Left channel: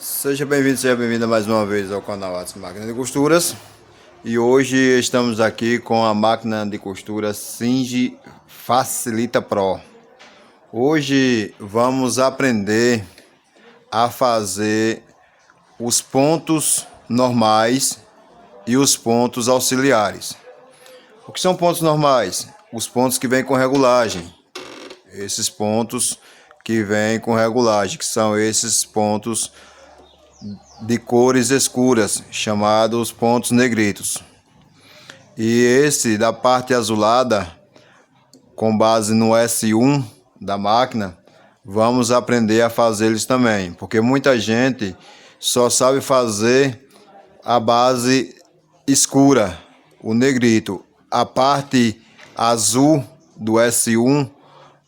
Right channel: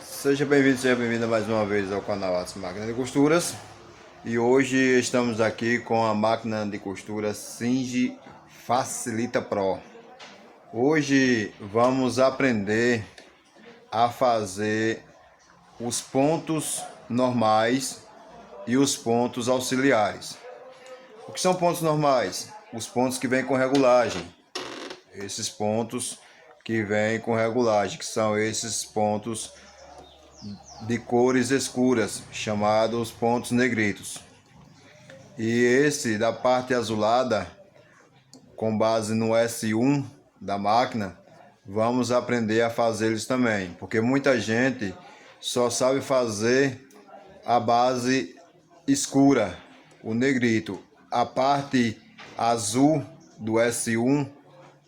Seja bem-vindo mais uma vez ao canal Atos Máquina de Costuras. E hoje estamos aqui com a máquina de costura Singe Facilita Pro. Hoje vamos aprender a fazer os pontos normais e os pontos auxiliares. O que são pontos normais? Os pontos que vêm com regulagem. Esses pontos que vêm com regulagem, que são esses pontos de cores escuras, chamados pontos negritos. E esse da parte azulada, com base no S1 da máquina, vamos aprender a fazer eles também, porque muita gente só sabe fazer a base escura, o negrito. A parte azul do S1,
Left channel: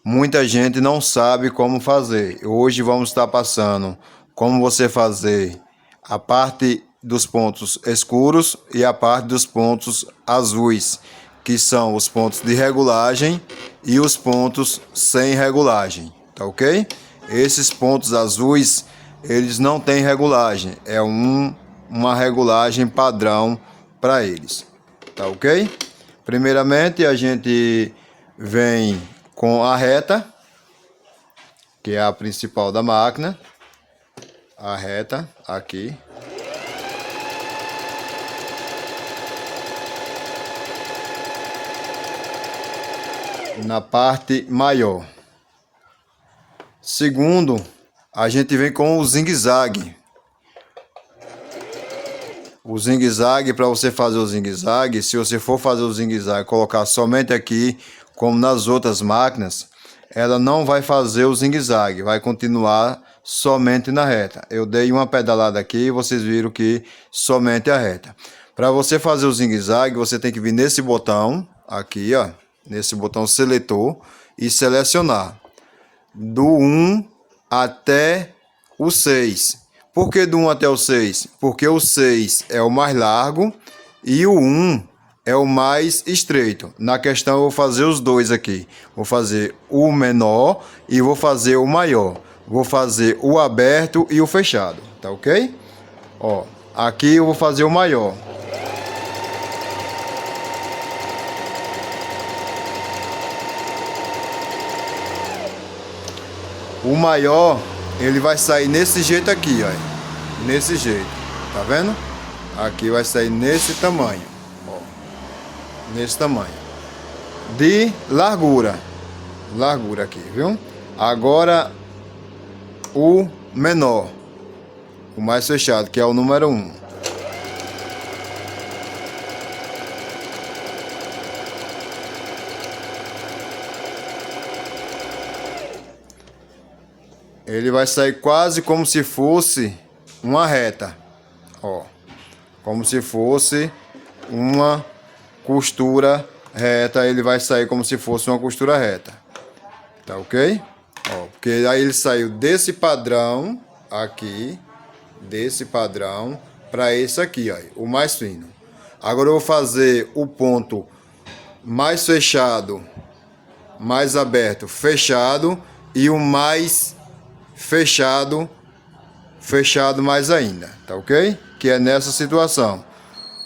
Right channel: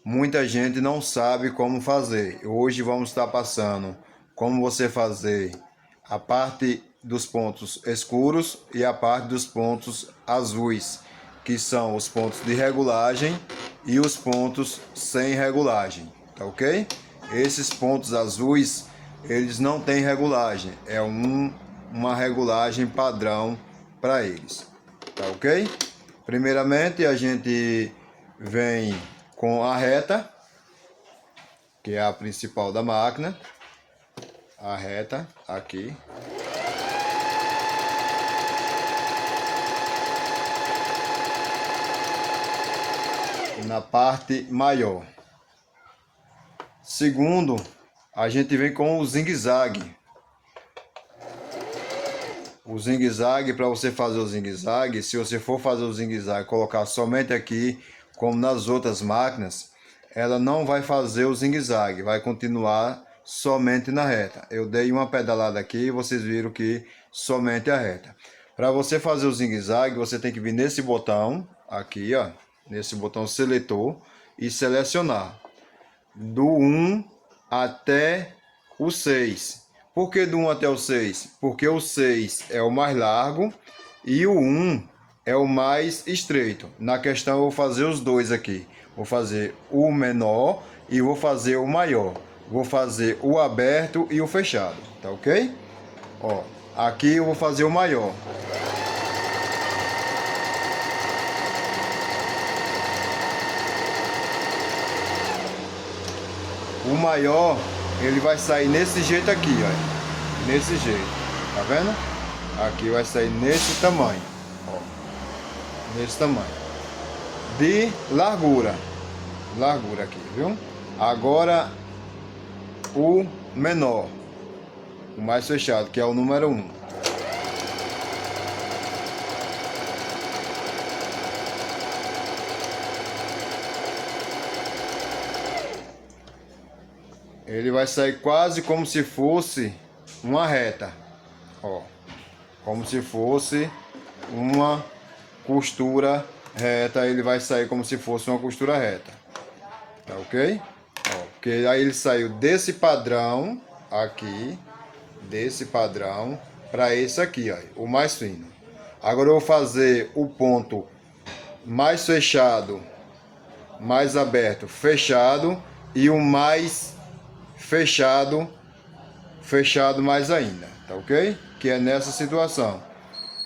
muita gente não sabe como fazer. Hoje vamos estar passando como você fazer a parte dos pontos escuros e a parte dos pontos azuis, que são os pontos de regulagem e os pontos sem regulagem, tá ok? Esses pontos azuis, eles não têm regulagem, é uma regulagem padrão para eles, tá ok? Primeiramente a gente vem com a reta, que é a principal da máquina, a reta aqui. Na parte maior. Segundo, a gente vem com o zigue-zague. O zigue-zague, para você fazer o zigue-zague, se você for fazer o zigue-zague, colocar somente aqui, como nas outras máquinas, ela não vai fazer o zigue-zague, vai continuar somente na reta. Eu dei uma pedalada aqui e vocês viram que somente a reta. Para você fazer o zigue-zague, você tem que vir nesse botão aqui, ó, nesse botão seletor e selecionar do 1 até o 6. Por que do 1 até o 6? Porque o 6 é o mais largo e o 1 é o mais estreito. Na questão eu vou fazer os dois aqui. Vou fazer o menor e vou fazer o maior. Vou fazer o aberto e o fechado, tá ok? Ó, aqui eu vou fazer o maior. O maior, ele vai sair nesse jeito aqui, ó. Nesse jeito, tá vendo? Aqui vai sair nesse tamanho, ó. Nesse tamanho. De largura. Largura aqui, viu? Agora, o menor. O mais fechado, que é o número 1. Ele vai sair quase como se fosse uma reta, ó, como se fosse uma costura reta. Ele vai sair como se fosse uma costura reta, tá ok? Ó, porque aí ele saiu desse padrão aqui, desse padrão para esse aqui, ó, o mais fino. Agora eu vou fazer o ponto mais fechado, mais aberto, fechado, e o mais fechado, fechado mais ainda, tá ok? Que é nessa situação.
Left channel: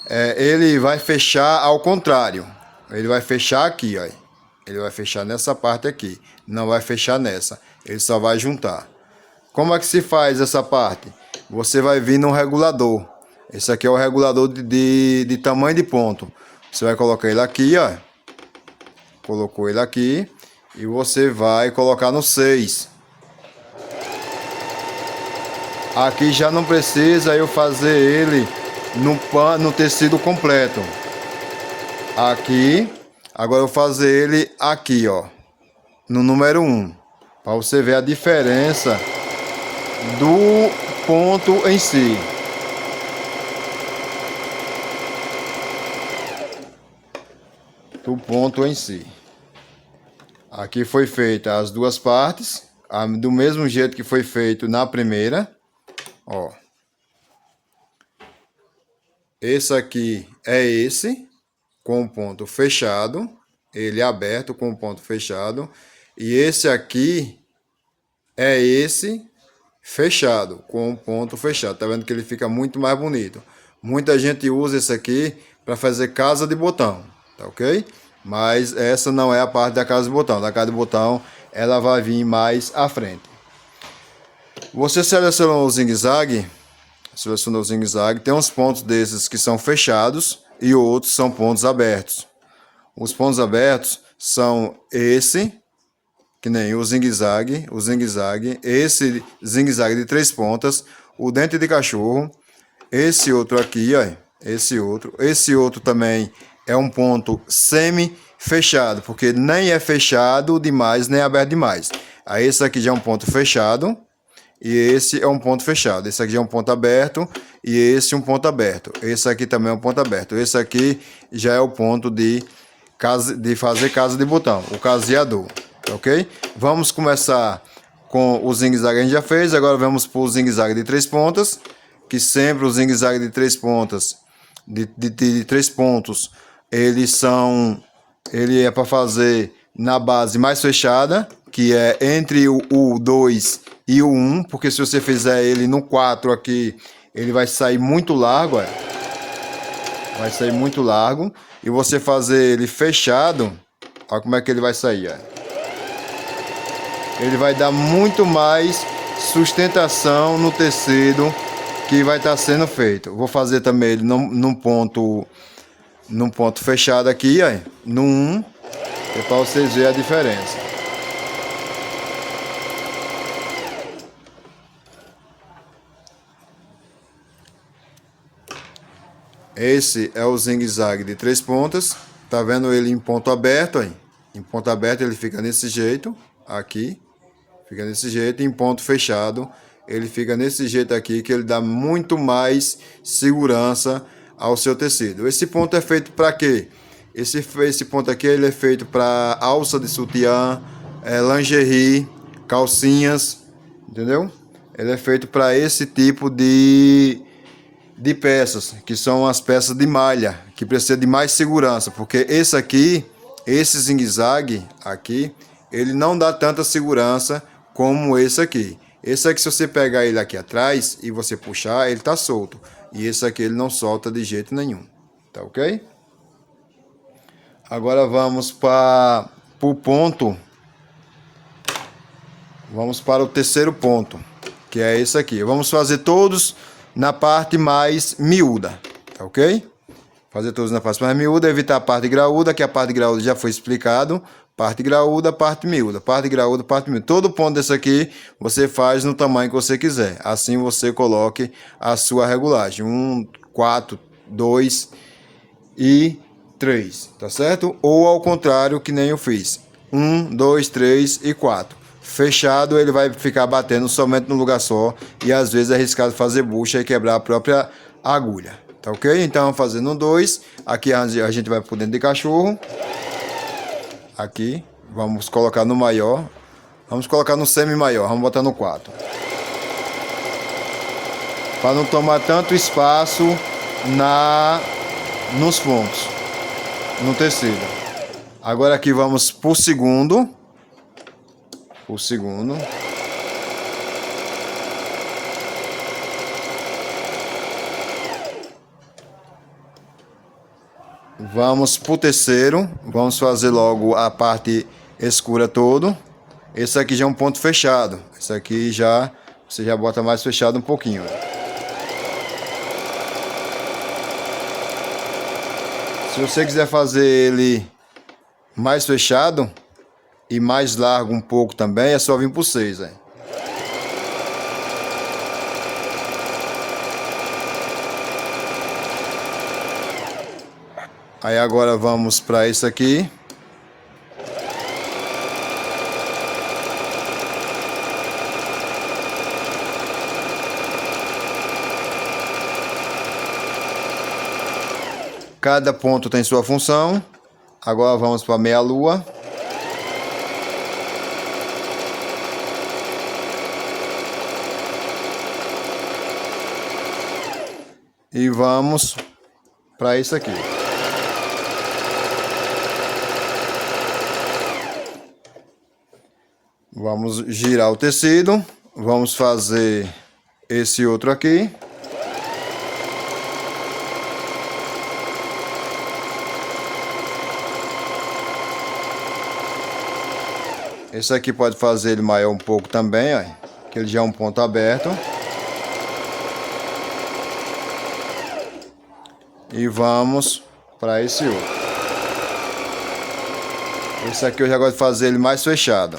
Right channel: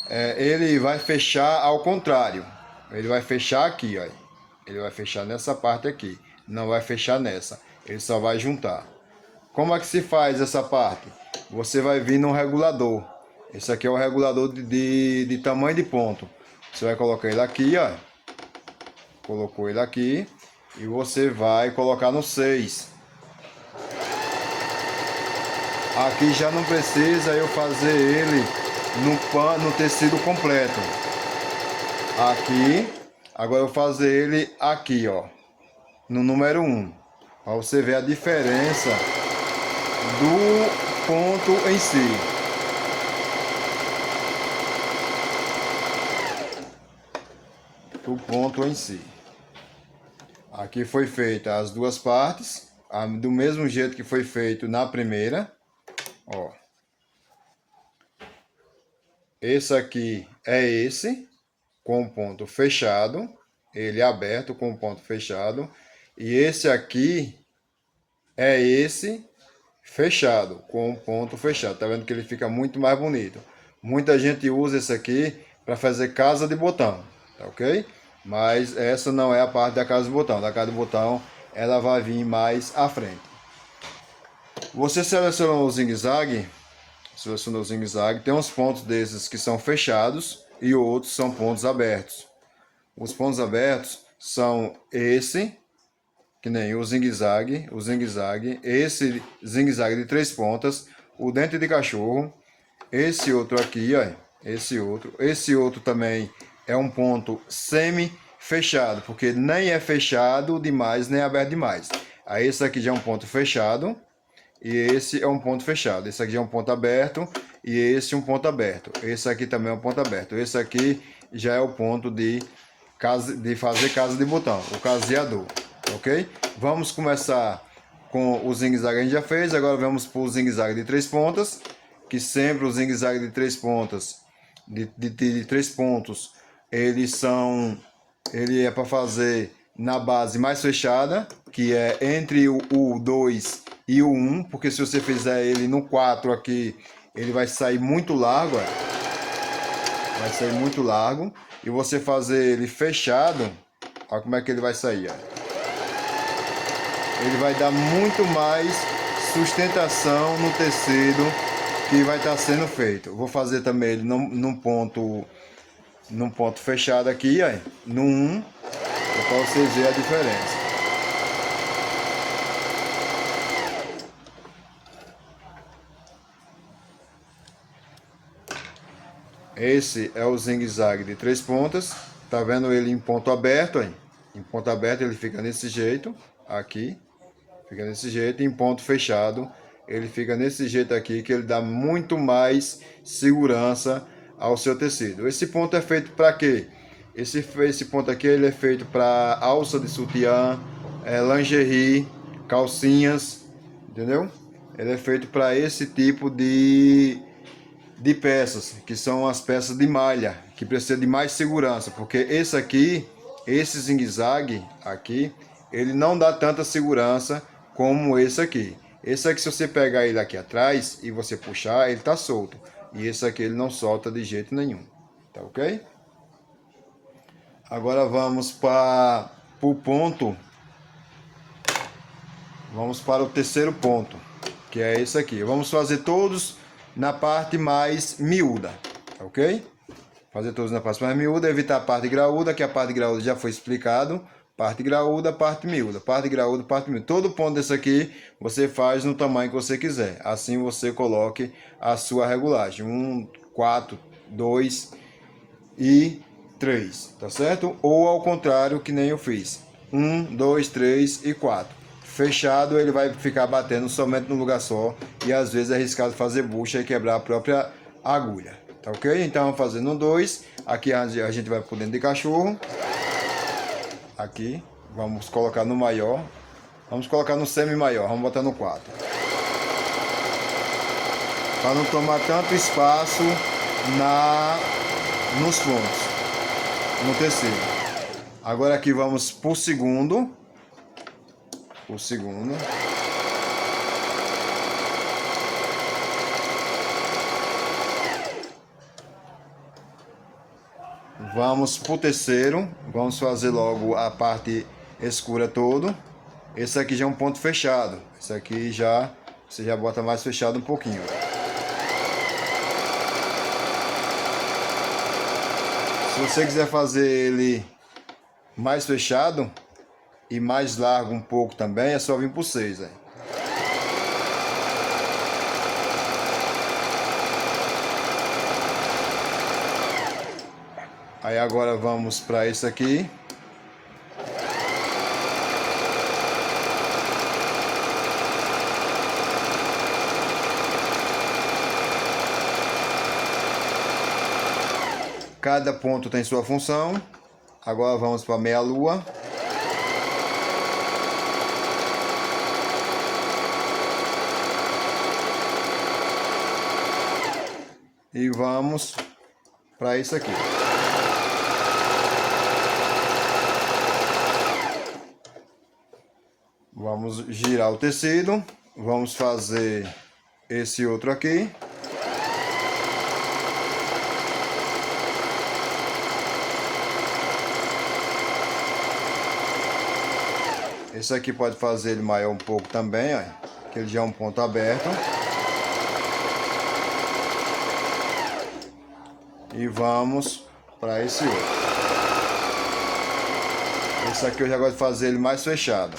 Ele vai fechar ao contrário. Ele vai fechar aqui, ó. Ele vai fechar nessa parte aqui. Não vai fechar nessa. Ele só vai juntar. Como é que se faz essa parte? Você vai vir no regulador. Esse aqui é o regulador de tamanho de ponto. Você vai colocar ele aqui, ó. Colocou ele aqui. E você vai colocar no 6. Aqui já não precisa eu fazer ele no tecido completo. Aqui, agora eu vou fazer ele aqui, ó, no número 1, para você ver a diferença do ponto em si. Do ponto em si. Aqui foi feita as duas partes, do mesmo jeito que foi feito na primeira. Ó, esse aqui é esse, com o ponto fechado, ele é aberto com o ponto fechado, e esse aqui é esse fechado, com um ponto fechado. Tá vendo que ele fica muito mais bonito. Muita gente usa esse aqui para fazer casa de botão, tá ok? Mas essa não é a parte da casa de botão. Da casa de botão ela vai vir mais à frente. Você selecionou o zigue-zague, tem uns pontos desses que são fechados e outros são pontos abertos. Os pontos abertos são esse, que nem o zigue-zague, esse zigue-zague de 3 pontas, o dente de cachorro, esse outro aqui, ó, esse outro também é um ponto semi-fechado, porque nem é fechado demais, nem é aberto demais. Aí esse aqui já é um ponto fechado, e esse é um ponto fechado. Esse aqui já é um ponto aberto, e esse um ponto aberto. Esse aqui também é um ponto aberto. Esse aqui já é o ponto de fazer casa de botão, o caseador, ok? Vamos começar com o zigue-zague que a gente já fez. Agora vamos para o zigue-zague de 3 pontas, que sempre o zigue-zague de 3 pontas, de 3 pontos, ele é para fazer na base mais fechada, que é entre o 2 e o 1, porque se você fizer ele no 4 aqui, ele vai sair muito largo, vai sair muito largo. E você fazer ele fechado, olha como é que ele vai sair, ó. Ele vai dar muito mais sustentação no tecido que vai estar sendo feito. Vou fazer também ele num ponto fechado aqui, ó, no 1, para vocês verem a diferença. Esse é o zigue-zague de 3 pontas. Tá vendo ele em ponto aberto, aí? Em ponto aberto ele fica desse jeito, aqui. Fica desse jeito. Em ponto fechado ele fica desse jeito aqui, que ele dá muito mais segurança ao seu tecido. Esse ponto é feito para quê? Esse ponto aqui ele é feito para alça de sutiã, lingerie, calcinhas, entendeu? Ele é feito para esse tipo de peças, que são as peças de malha, que precisa de mais segurança, porque esse zigue-zague aqui, ele não dá tanta segurança como esse aqui. Esse aqui, se você pegar ele aqui atrás e você puxar, ele tá solto. E esse aqui ele não solta de jeito nenhum, tá ok? Agora vamos para o ponto. Vamos para o terceiro ponto, que é esse aqui. Vamos fazer todos na parte mais miúda, tá ok? Fazer todos na parte mais miúda, evitar a parte graúda, que a parte graúda já foi explicado. Parte graúda, parte miúda, parte graúda, parte miúda. Todo ponto desse aqui você faz no tamanho que você quiser. Assim você coloque a sua regulagem. 1, 4, 2 e 3, tá certo? Ou ao contrário, que nem eu fiz. 1, 2, 3 e 4. Fechado, ele vai ficar batendo somente no lugar só. E às vezes é arriscado fazer bucha e quebrar a própria agulha. Tá ok? Então, fazendo um 2. Aqui a gente vai por dentro de cachorro. Aqui. Vamos colocar no maior. Vamos colocar no semi-maior. Vamos botar no 4. Para não tomar tanto espaço nos pontos. No tecido. Agora aqui vamos pro segundo. O segundo. Vamos pro terceiro. Vamos fazer logo a parte escura todo. Esse aqui já é um ponto fechado. Esse aqui já você já bota mais fechado um pouquinho. Se você quiser fazer ele mais fechado e mais largo um pouco também, é só vir por 6, hein? Aí agora vamos para esse aqui. Cada ponto tem sua função. Agora vamos para a meia-lua. E vamos para isso aqui. Vamos girar o tecido vamos fazer esse outro aqui. Esse aqui pode fazer ele maior um pouco também, ó, que ele já é um ponto aberto. E vamos para esse outro. Esse aqui eu já gosto de fazer ele mais fechado.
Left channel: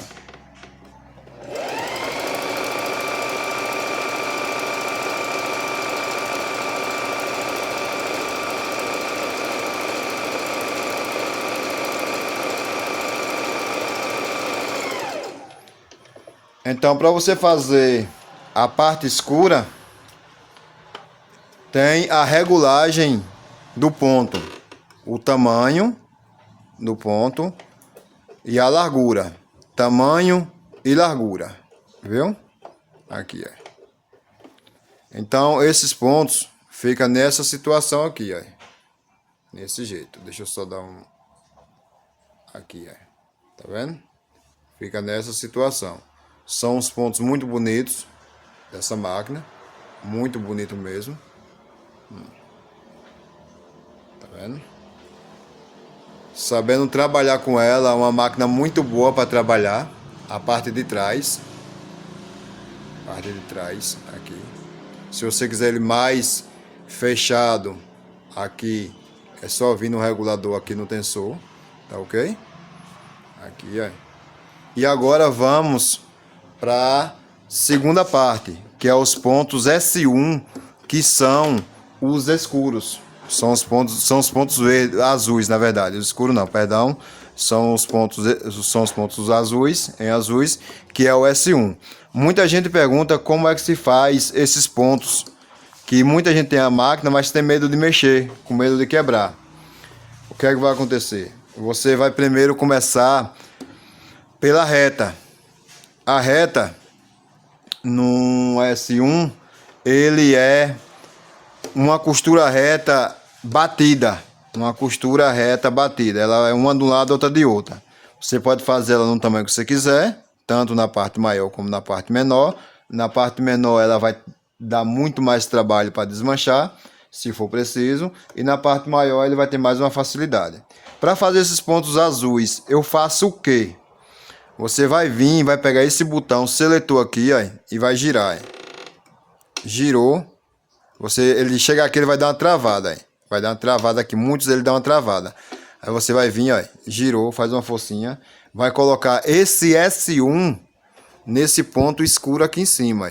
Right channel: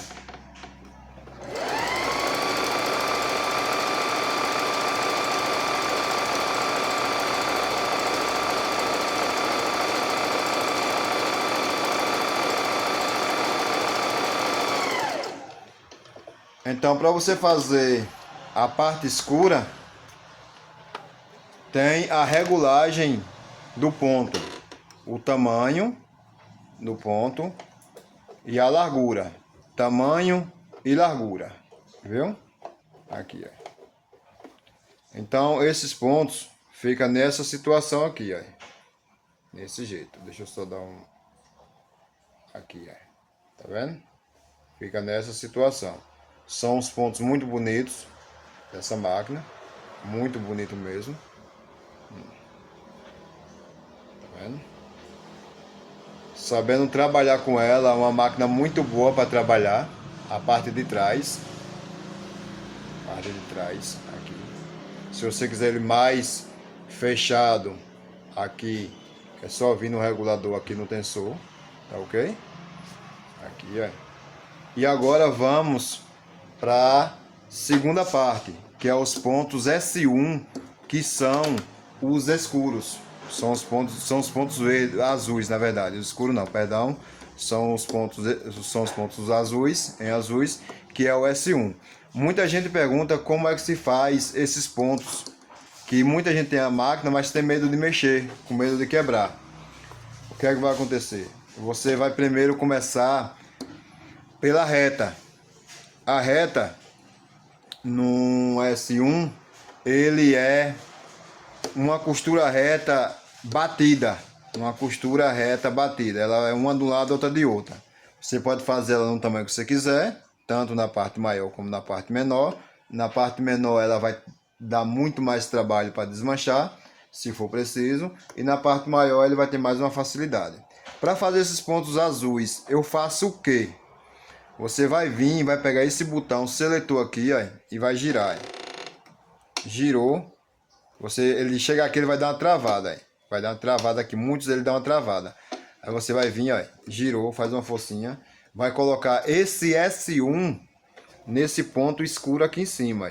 Então, para você fazer a parte escura, tem a regulagem do ponto, o tamanho do ponto e a largura, tamanho e largura, viu? Aqui, ó. Então, esses pontos ficam nessa situação aqui, ó. Desse jeito. Deixa eu só dar um... Aqui, ó. Tá vendo? Fica nessa situação. São uns pontos muito bonitos dessa máquina. Muito bonito mesmo. Tá vendo? Sabendo trabalhar com ela, é uma máquina muito boa para trabalhar. A parte de trás. Parte de trás, aqui. Se você quiser ele mais fechado, aqui é só vir no regulador aqui no tensor, tá ok? Aqui, ó. E agora vamos para a segunda parte, que é os pontos S1, que são os escuros. São os pontos verdes, azuis, na verdade. Os escuros não, perdão. São os pontos azuis, em azuis, que é o S1. Muita gente pergunta como é que se faz esses pontos, que muita gente tem a máquina, mas tem medo de mexer, com medo de quebrar. O que é que vai acontecer? Você vai primeiro começar pela reta. A reta no S1, ele é uma costura reta batida. Uma costura reta batida. Ela é uma de um lado, outra de outra. Você pode fazer ela no tamanho que você quiser, tanto na parte maior como na parte menor. Na parte menor ela vai dar muito mais trabalho para desmanchar, se for preciso. E na parte maior ele vai ter mais uma facilidade. Para fazer esses pontos azuis, eu faço o quê? Você vai vir, vai pegar esse botão seletor aqui, ó, e vai girar. Ó. Girou. Ele chega aqui, ele vai dar uma travada. Ó. Vai dar uma travada aqui. Muitos ele dá uma travada. Aí você vai vir, ó, girou, faz uma forcinha. Vai colocar esse S1 nesse ponto escuro aqui em cima. Ó,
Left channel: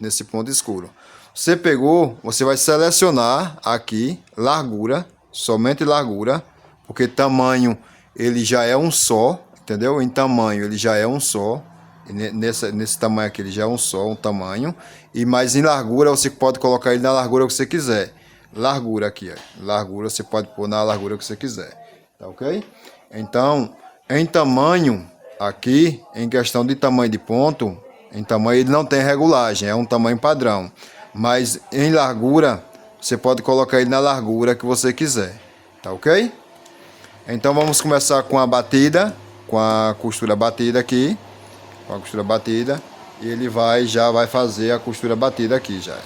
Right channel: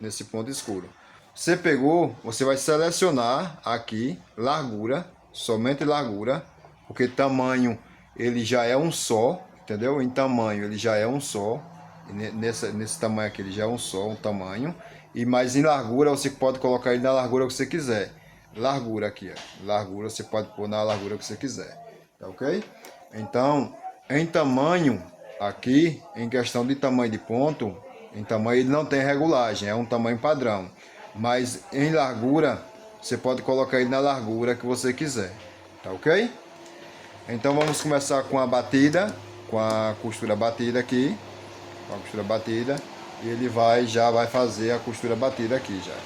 nesse ponto escuro. Você pegou, você vai selecionar aqui, largura, somente largura. Porque tamanho, ele já é um só. Entendeu? Em tamanho ele já é um só. Nesse tamanho aqui ele já é um só, um tamanho. E mais em largura você pode colocar ele na largura que você quiser. Largura aqui, ó. Largura você pode pôr na largura que você quiser. Tá ok? Então, em tamanho aqui, em questão de tamanho de ponto, em tamanho ele não tem regulagem, é um tamanho padrão. Mas em largura, você pode colocar ele na largura que você quiser. Tá ok? Então vamos começar com a batida. Com a costura batida aqui, com a costura batida, e ele já vai fazer a costura batida aqui já.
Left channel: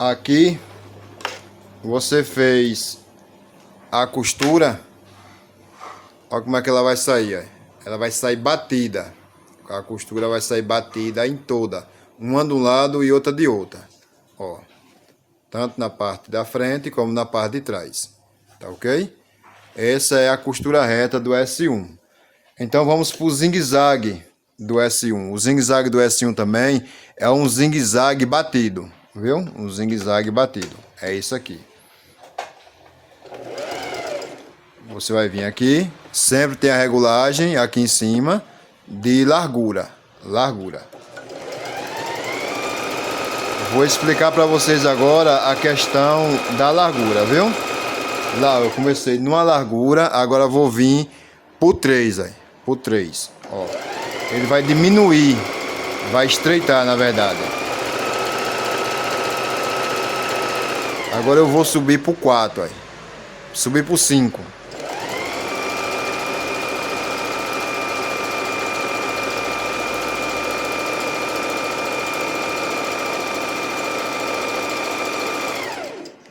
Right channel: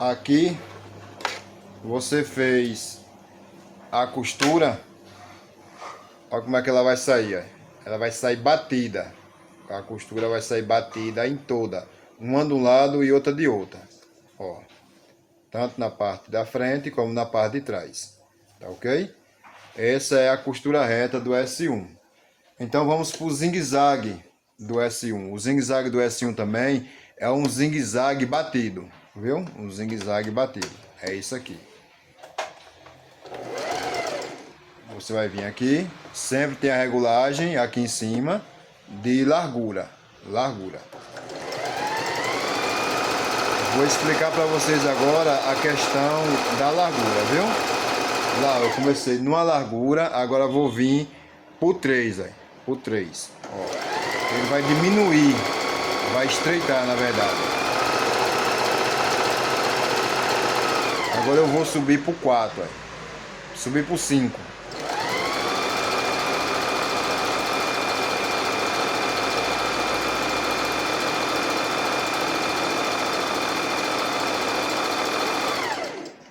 Aqui você fez a costura, olha como é que ela vai sair, ó. Ela vai sair batida, a costura vai sair batida em toda, uma de um lado e outra de outra, ó, tanto na parte da frente como na parte de trás, tá ok? Essa é a costura reta do S1. Então vamos para o zigue-zague do S1. O zigue-zague do S1 também é um zigue-zague batido. Viu? Um zigue-zague batido. É isso aqui. Você vai vir aqui. Sempre tem a regulagem aqui em cima de largura. largura. Vou explicar para vocês agora a questão da largura, viu? Lá eu comecei numa largura, agora vou vir por 3, aí, por 3. Ó. Ele vai diminuir, vai estreitar na verdade. Agora eu vou subir por 4, aí. Subir por 5.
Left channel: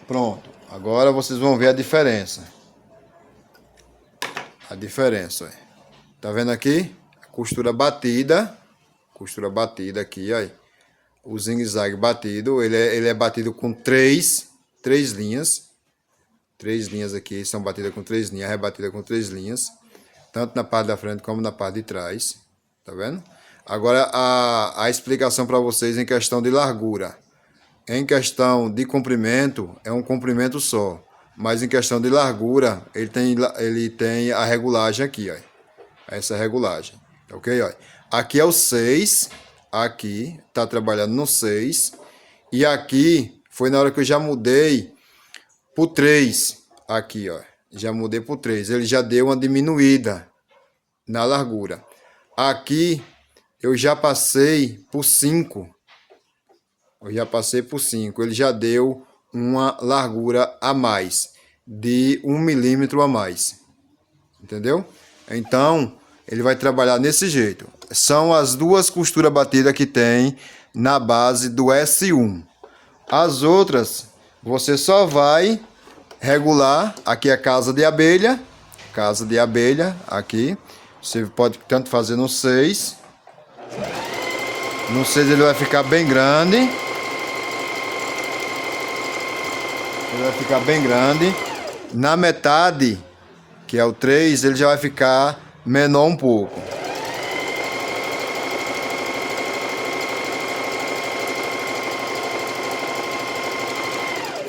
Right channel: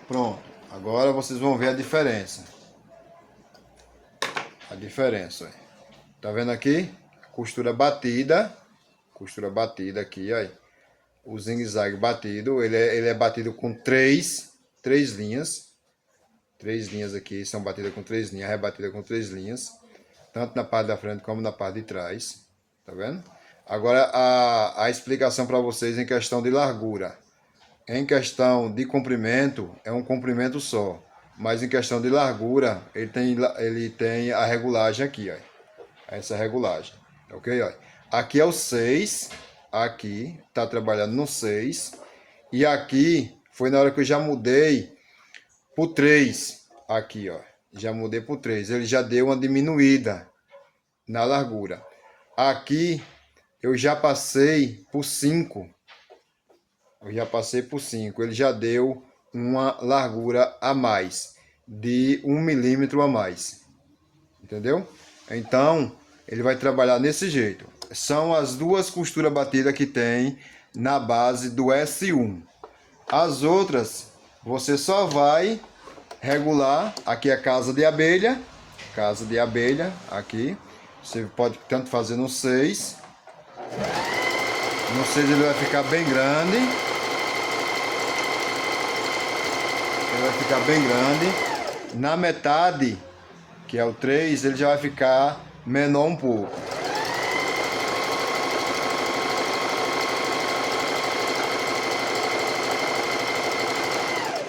Pronto, agora vocês vão ver a diferença. A diferença, ó. Tá vendo aqui? Costura batida aqui, ó. O zigue-zague batido, ele é batido com três linhas. 3 linhas aqui são batidas com 3 linhas, rebatida com 3 linhas. Tanto na parte da frente como na parte de trás. Tá vendo? Agora a explicação para vocês em questão de largura. Em questão de comprimento, é um comprimento só. Mas em questão de largura, ele tem a regulagem aqui, ó. Essa regulagem, ok? Ó. Aqui é o 6, aqui tá trabalhando no 6. E aqui foi na hora que eu já mudei por 3. Aqui, ó. Já mudei por 3. Ele já deu uma diminuída na largura. Aqui eu já passei por 5. Ele já deu uma largura a mais, de 1 milímetro a mais. Entendeu? Então, ele vai trabalhar nesse jeito. São as duas costuras batidas que tem na base do S1. As outras, você só vai regular. Aqui é casa de abelha. Casa de abelha, aqui. Você pode tanto fazer no 6. No 6 ele vai ficar bem grande. Na metade, que é o 3, ele já vai ficar menor um pouco.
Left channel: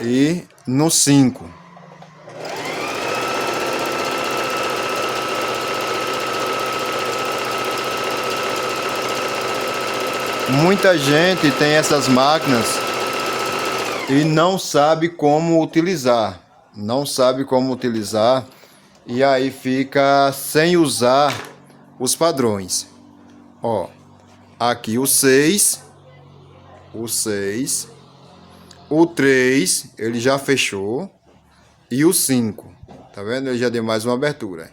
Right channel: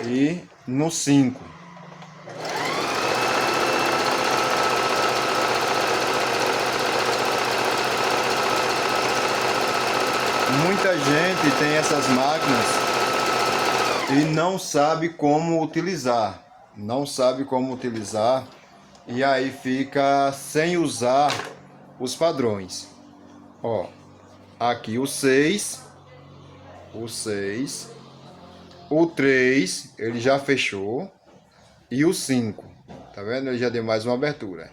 E no 5. Muita gente tem essas máquinas e não sabe como utilizar. E aí fica sem usar os padrões. Ó, aqui o 6, o 3, ele já fechou, e o 5, tá vendo? Ele já deu mais uma abertura.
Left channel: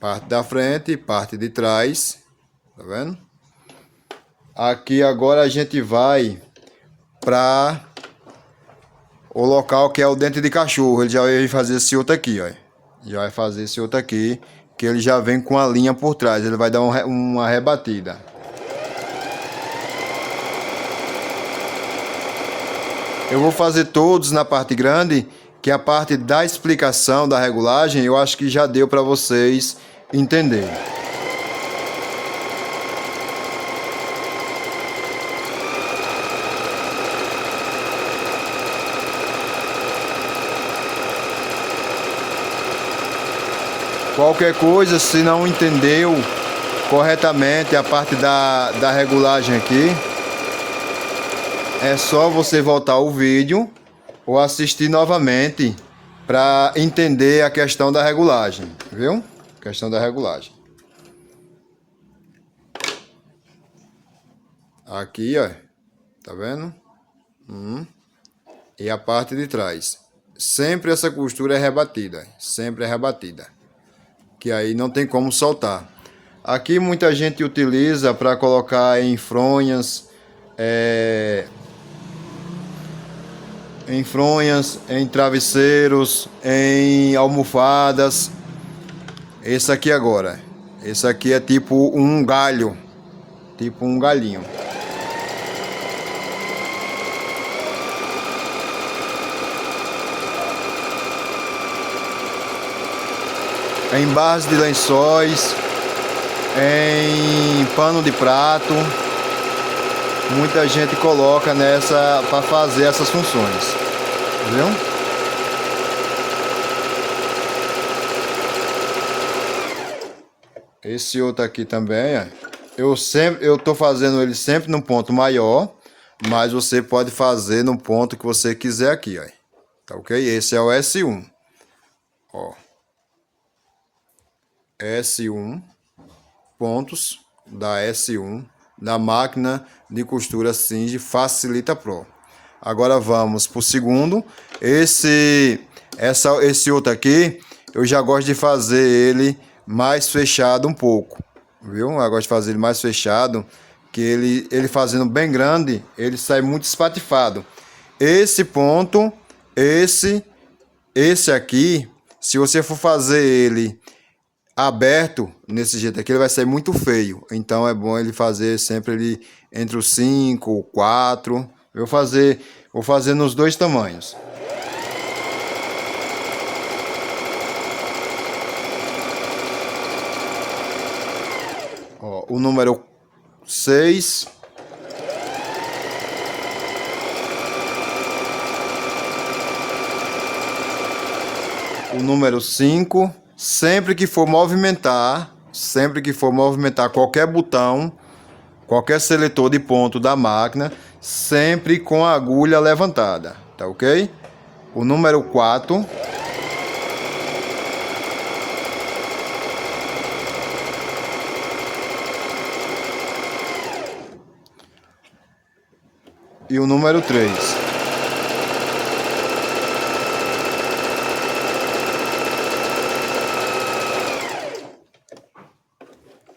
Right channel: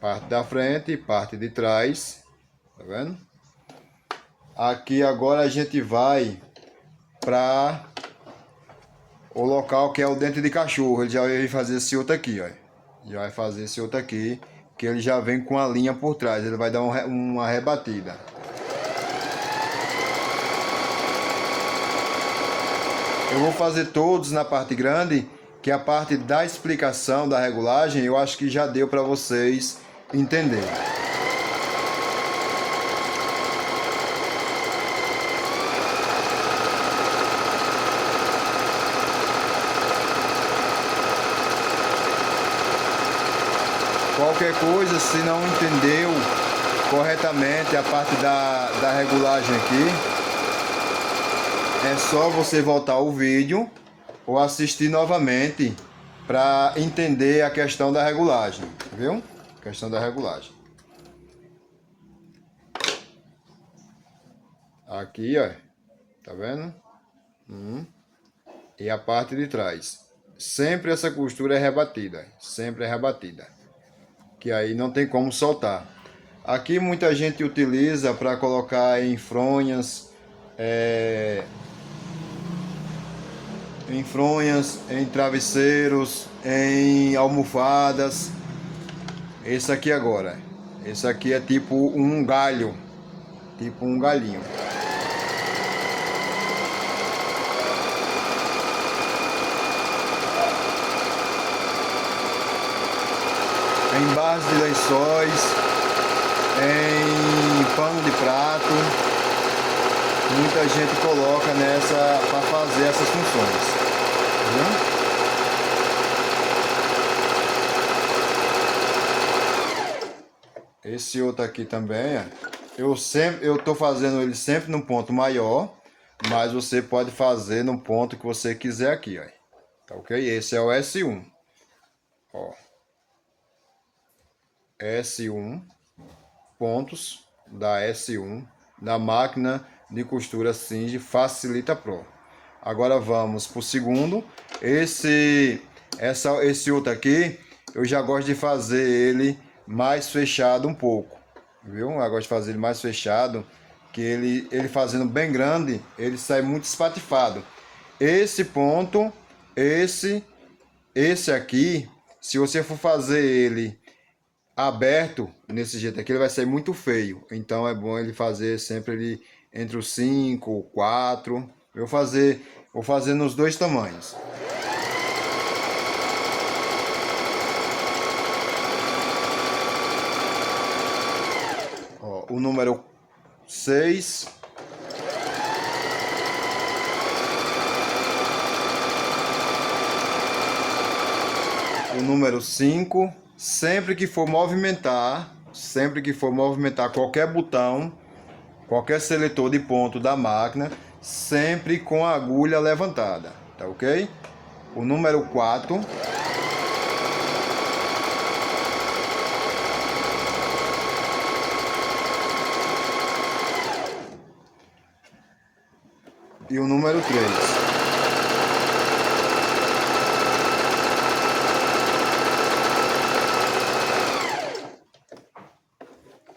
Parte da frente e parte de trás, tá vendo? Aqui agora a gente vai para o local que é o dente de cachorro. Ele já vai fazer esse outro aqui, ó. Já vai fazer esse outro aqui, que ele já vem com a linha por trás. Ele vai dar uma rebatida. Eu vou fazer todos na parte grande, que a parte da explicação da regulagem eu acho que já deu para vocês entenderem. Qualquer coisa, se não entendeu corretamente a parte da regulagem aqui, é só você voltar o vídeo ou assistir novamente para entender a questão da regulagem, viu? Questão da regulagem. Aqui, ó, tá vendo? E a parte de trás. Sempre essa costura é rebatida, que aí não tem como soltar. Aqui muita gente utiliza para colocar em fronhas, em travesseiros, em almofadas. Esse aqui agora, esse aqui é tipo um galho, tipo um galhinho. Em base de lençóis, em pano de prato, muita gente coloca nessa para fazer essas funções, viu? Esse outro aqui também, ó. eu tô fazendo ele sempre num ponto maior, mas você pode fazer no ponto que você quiser aqui, ó. Tá ok? Esse é o S1. Ó. S1, pontos da S1 na máquina de costura Singe Facilita Pro. Agora vamos pro segundo. Esse outro aqui, eu já gosto de fazer ele mais fechado um pouco, viu? Eu gosto de fazer ele mais fechado, que ele fazendo bem grande, ele sai muito espatifado. Esse ponto, esse aqui, se você for fazer ele aberto nesse jeito aqui, ele vai sair muito feio. Então é bom ele fazer sempre ele entre os 5 ou 4. Vou fazer nos dois tamanhos. Ó, o número 6. O número 5. Sempre que for movimentar qualquer botão, qualquer seletor de ponto da máquina, sempre com a agulha levantada, tá ok? O número 4. E o número 3.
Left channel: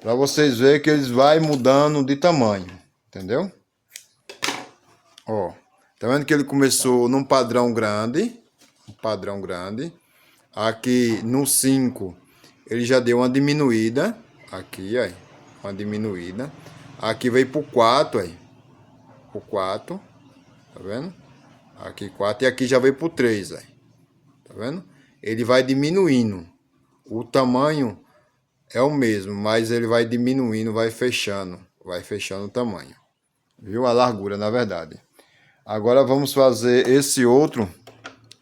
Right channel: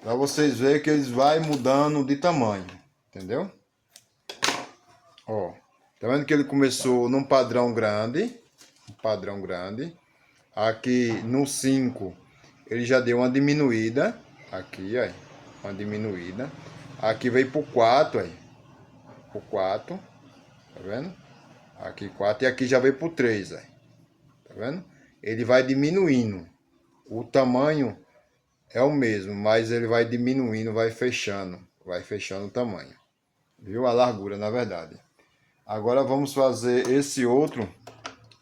Para vocês verem que eles vai mudando de tamanho, entendeu? Ó, tá vendo que ele começou num padrão grande, Aqui no 5 ele já deu uma diminuída, aqui, aí, uma diminuída. Aqui veio pro 4, aí, pro 4, tá vendo? Aqui 4 e aqui já veio pro 3, aí, tá vendo? Ele vai diminuindo, o tamanho é o mesmo, mas ele vai diminuindo, vai fechando o tamanho, viu? A largura, na verdade. Agora vamos fazer esse outro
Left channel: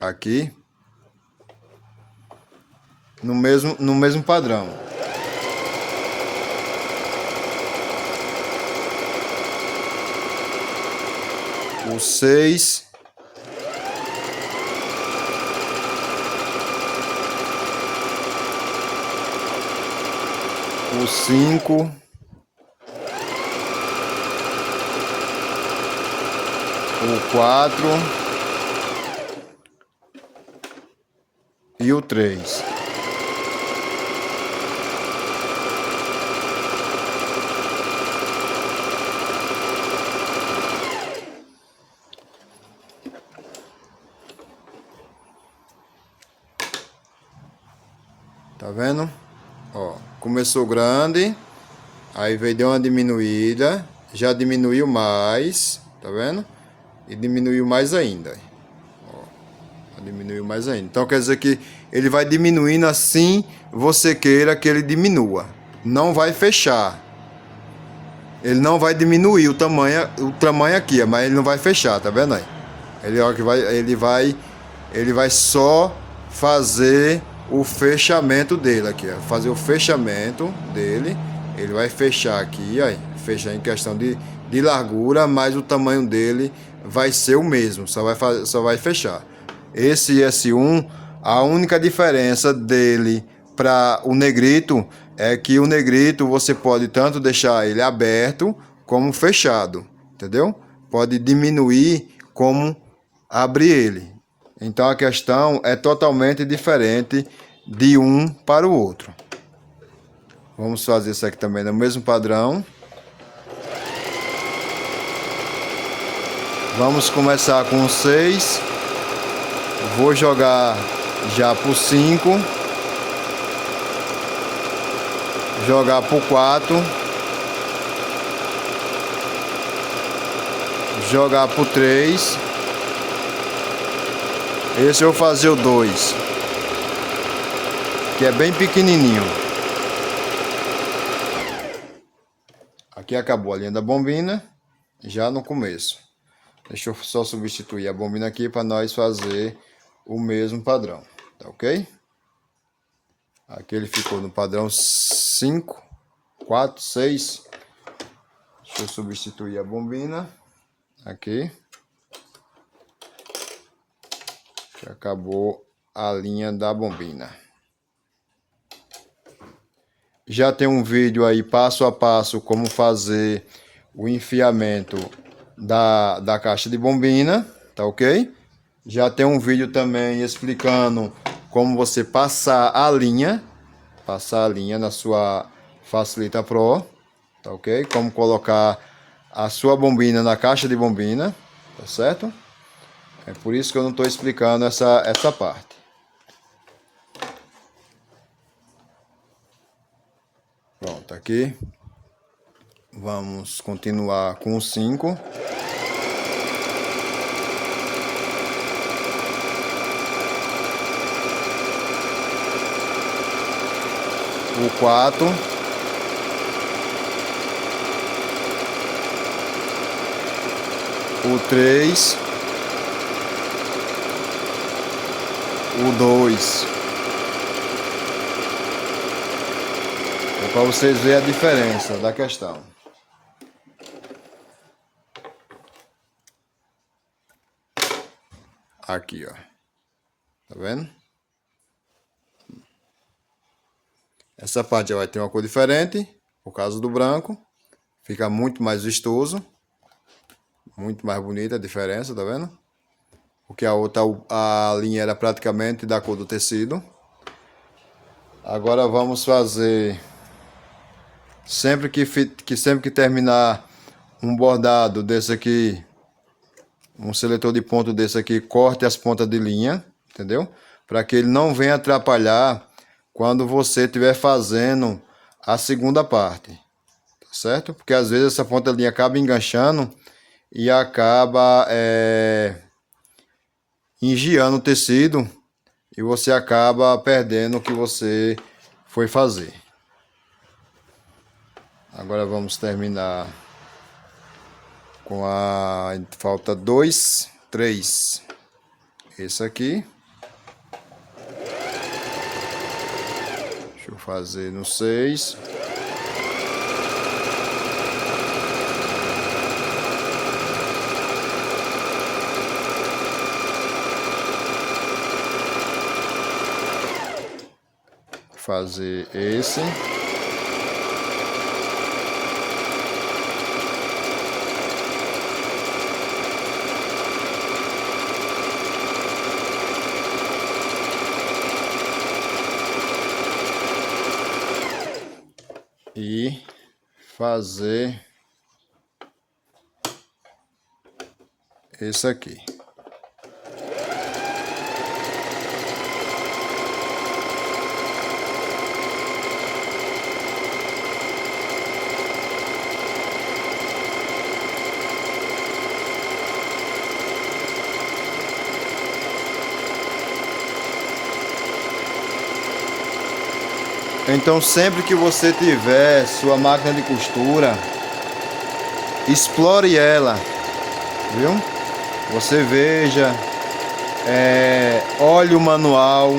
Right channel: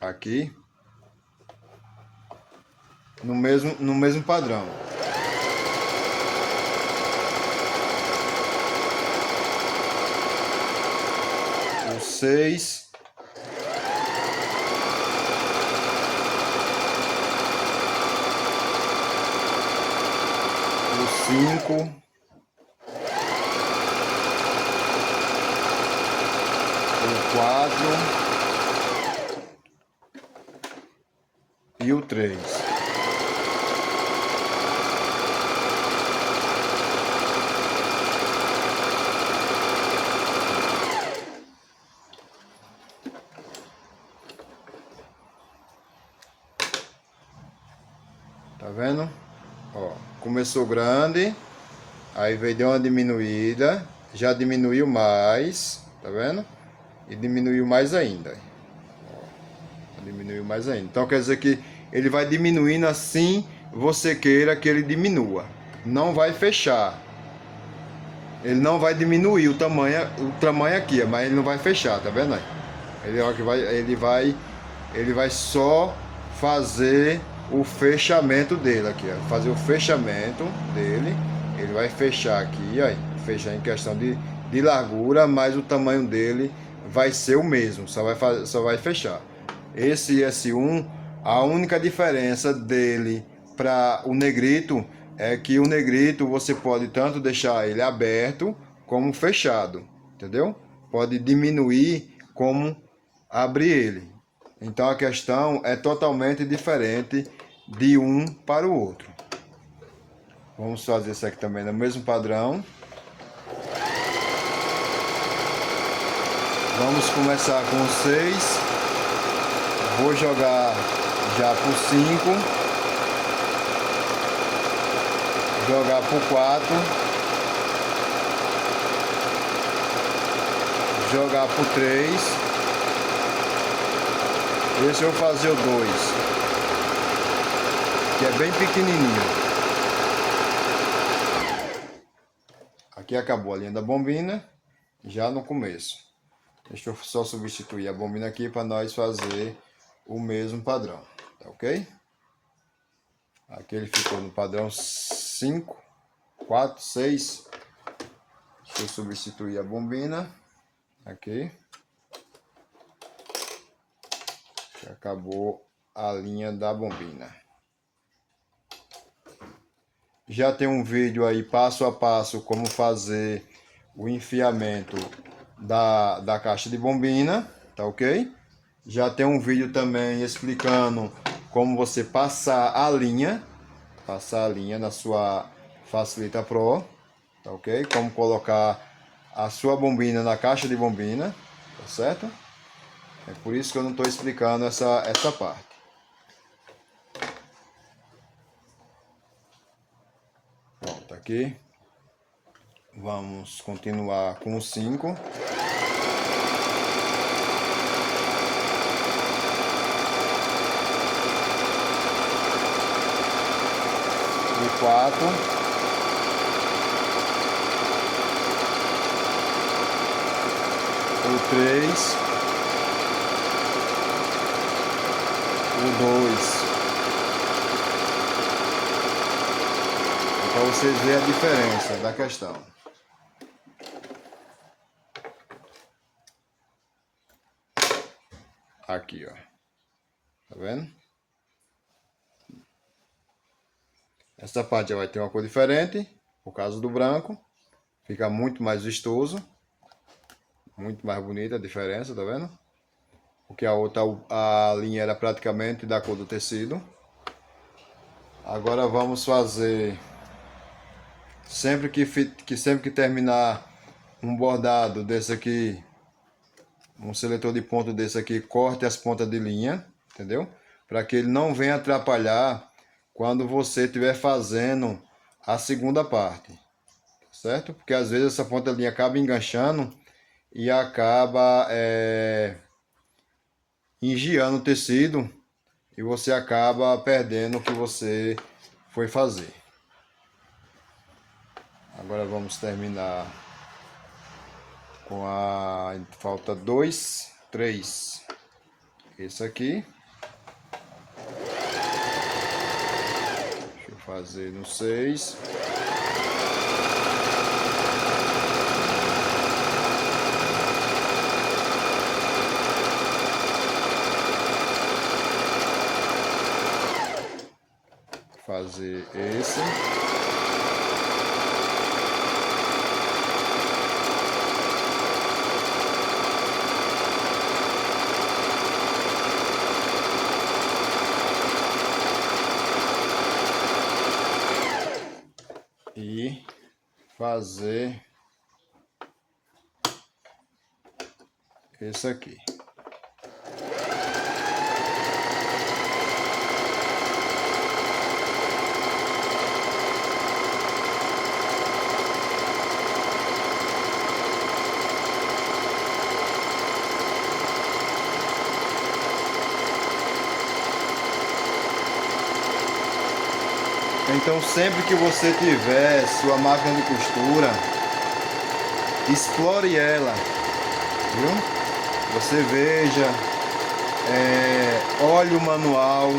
aqui no mesmo padrão. O 6. O 5. O 4 e o 3. Tá vendo? Ó, começou grande, aí veio deu uma diminuída, já diminuiu mais, tá vendo? E diminuiu mais ainda. Ó, diminuiu mais ainda. Então quer dizer que ele vai diminuindo assim você queira que ele diminua. Não vai fechar. Ele não vai diminuir o tamanho aqui, mas ele não vai fechar, tá vendo aí? Ele vai só fazer o fechamento dele aqui, ó. Fazer o fechamento dele, ele vai fechar aqui, aí, fechar em questão de largura, mas o tamanho dele vai ser o mesmo, só vai fechar. Esse S1, a única diferença dele para o negrito é que o negrito você pode tanto deixar ele aberto como fechado, entendeu? Pode diminuir como abrir ele. Então a questão é totalmente diferente de um para o outro. Vamos fazer isso aqui também no mesmo padrão. Vamos começar com o 6. Vou jogar já pro 5. Jogar pro 4. Jogar pro 3. Esse eu vou fazer o 2, que é bem pequenininho. Aqui acabou a linha da bombina, já no começo. Deixa eu só substituir a bombina aqui para nós fazer o mesmo padrão, tá ok? Aqui ele ficou no padrão 5, 4, 6. eu substituir a bombina aqui, que acabou a linha da bombina. Já tem um vídeo aí passo a passo como fazer o enfiamento da caixa de bombina, tá ok? Já tem um vídeo também explicando como você passar a linha na sua Facilita Pro, tá ok? Como colocar a sua bombina na caixa de bombina, tá certo? É por isso que eu não estou explicando essa parte. Pronto, aqui. Vamos continuar com o 5. O 4. O 3. O 2. Para vocês verem a diferença da questão. Aqui, ó. Tá vendo? Essa parte vai ter uma cor diferente, por causa do branco. Fica muito mais vistoso. Muito mais bonita a diferença, tá vendo? Porque a outra, a linha era praticamente da cor do tecido. Agora vamos fazer... Sempre que terminar um bordado desse aqui, um seletor de ponto desse aqui, corte as pontas de linha, entendeu? Para que ele não venha atrapalhar quando você estiver fazendo a segunda parte, tá certo? Porque às vezes essa ponta de linha acaba enganchando e acaba engiando o tecido e você acaba perdendo o que você foi fazer. Agora vamos terminar com a... Falta 2, 3. Esse aqui. Deixa eu fazer no 6. Fazer esse. E fazer esse aqui. Então, sempre que você tiver sua máquina de costura, explore ela, viu? Você veja, olhe o manual,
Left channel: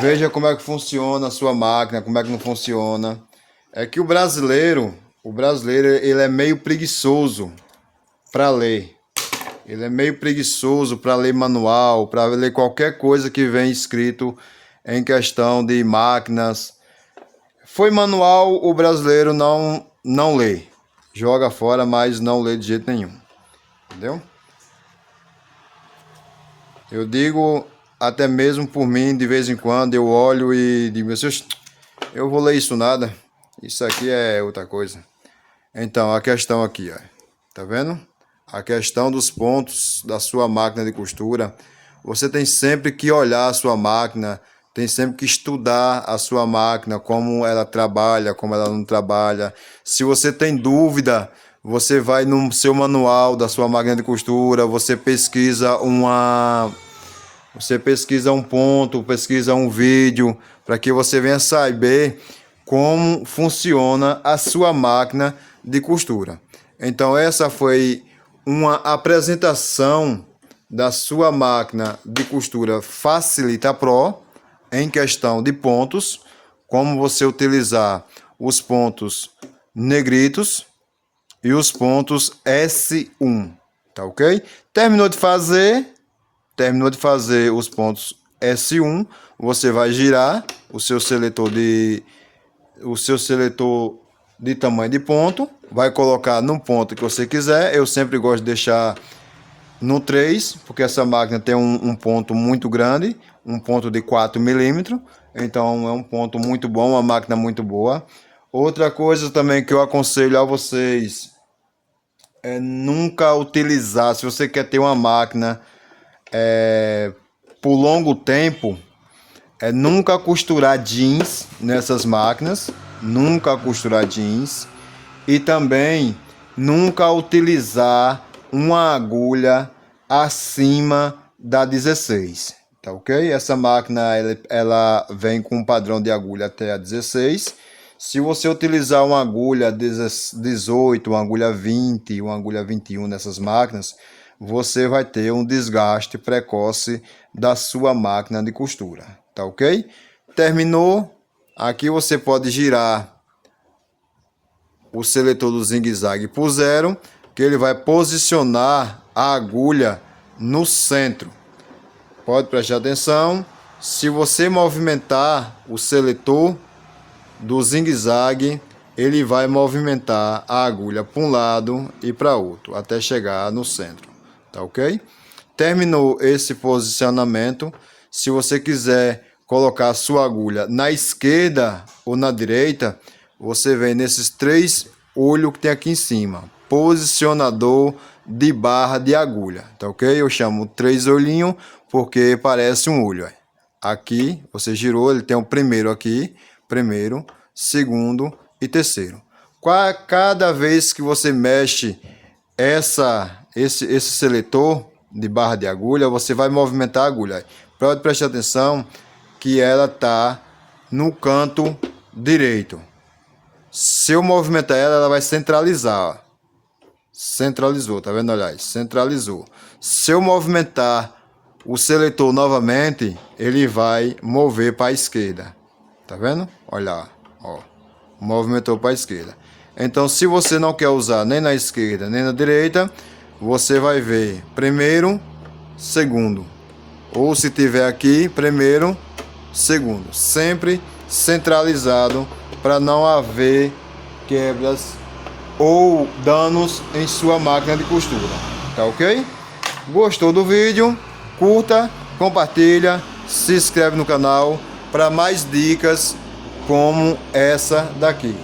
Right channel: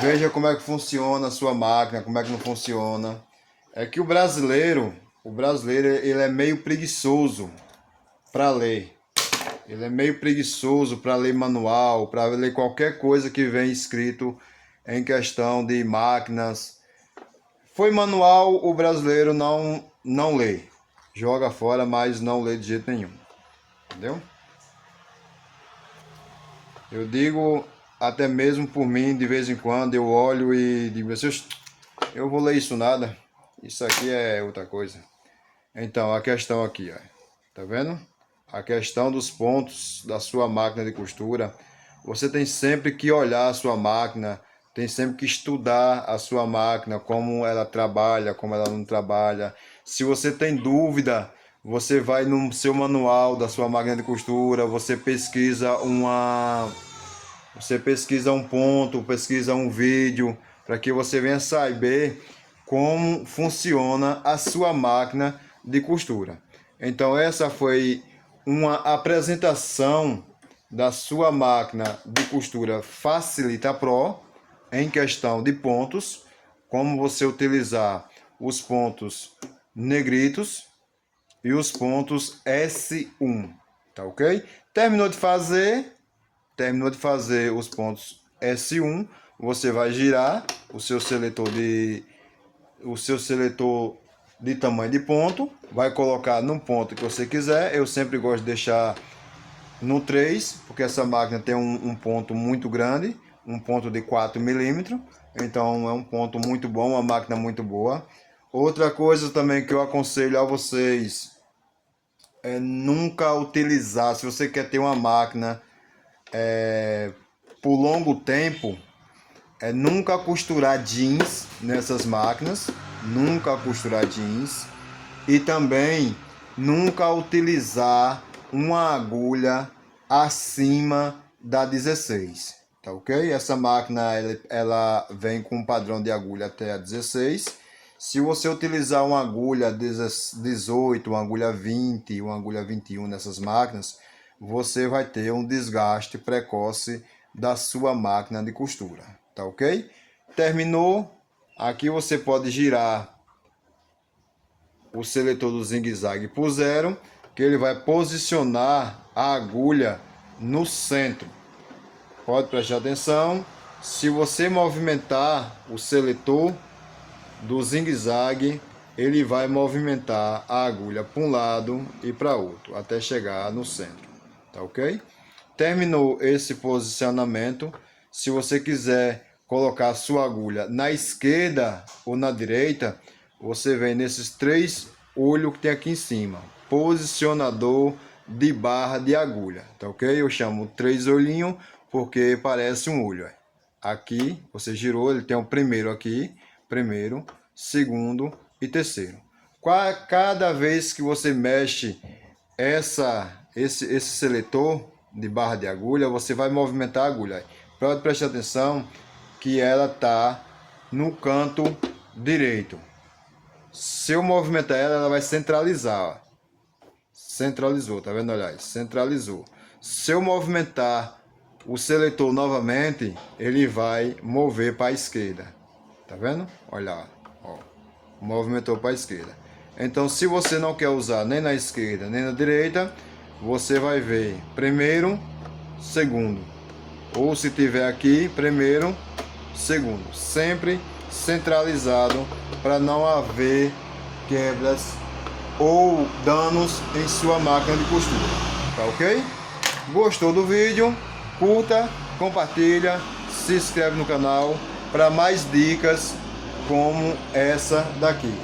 veja como é que funciona a sua máquina, como é que não funciona. É que o brasileiro ele é meio preguiçoso para ler. Ele é meio preguiçoso para ler manual, para ler qualquer coisa que vem escrito em questão de máquinas. Foi manual, o brasileiro não lê. Joga fora, mas não lê de jeito nenhum. Entendeu? Eu digo, até mesmo por mim, de vez em quando eu olho e digo, eu vou ler isso nada. Isso aqui é outra coisa. Então, a questão aqui, ó. Tá vendo? A questão dos pontos da sua máquina de costura, você tem sempre que olhar a sua máquina, tem sempre que estudar a sua máquina, como ela trabalha, como ela não trabalha. Se você tem dúvida, você vai no seu manual da sua máquina de costura, você pesquisa um ponto, pesquisa um vídeo, para que você venha saber como funciona a sua máquina de costura. Então essa foi uma apresentação da sua máquina de costura Facilita Pro em questão de pontos, como você utilizar os pontos negritos e os pontos S1, tá ok? Terminou de fazer os pontos S1, você vai girar o seu seletor de tamanho de ponto, vai colocar no ponto que você quiser. Eu sempre gosto de deixar no 3, porque essa máquina tem um ponto muito grande, um ponto de 4 milímetros, então é um ponto muito bom, uma máquina muito boa. Outra coisa também que eu aconselho a vocês é nunca utilizar, se você quer ter uma máquina por longo tempo, nunca costurar jeans nessas máquinas, nunca costurar jeans, e também nunca utilizar uma agulha acima da 16, tá ok? Essa máquina ela vem com um padrão de agulha até a 16. Se você utilizar uma agulha 18, uma agulha 20, uma agulha 21 nessas máquinas, você vai ter um desgaste precoce da sua máquina de costura, tá ok? Terminou, aqui você pode girar o seletor do zigue-zague por 0, que ele vai posicionar a agulha no centro. Pode prestar atenção, se você movimentar o seletor do zigue-zague, ele vai movimentar a agulha para um lado e para outro, até chegar no centro, tá ok? Terminou esse posicionamento, se você quiser colocar a sua agulha na esquerda ou na direita, você vem nesses 3 olhos que tem aqui em cima, posicionador de barra de agulha, tá ok? Eu chamo 3 olhinhos porque parece um olho. Aqui você girou, ele tem o primeiro aqui, primeiro, segundo e terceiro. Cada vez que você mexe esse seletor de barra de agulha, você vai movimentar a agulha. Pode prestar atenção que ela está no canto direito. Se eu movimentar ela, ela vai centralizar. Centralizou, tá vendo? Olha aí, centralizou. Se eu movimentar o seletor novamente, ele vai mover para a esquerda. Tá vendo? Olha lá, ó. Movimentou para a esquerda. Então, se você não quer usar nem na esquerda nem na direita, você vai ver primeiro, segundo. Ou se tiver aqui, primeiro, segundo. Sempre centralizado para não haver quebras ou danos em sua máquina de costura. Tá ok? Gostou do vídeo? Curta, compartilha, se inscreve no canal para mais dicas como essa daqui.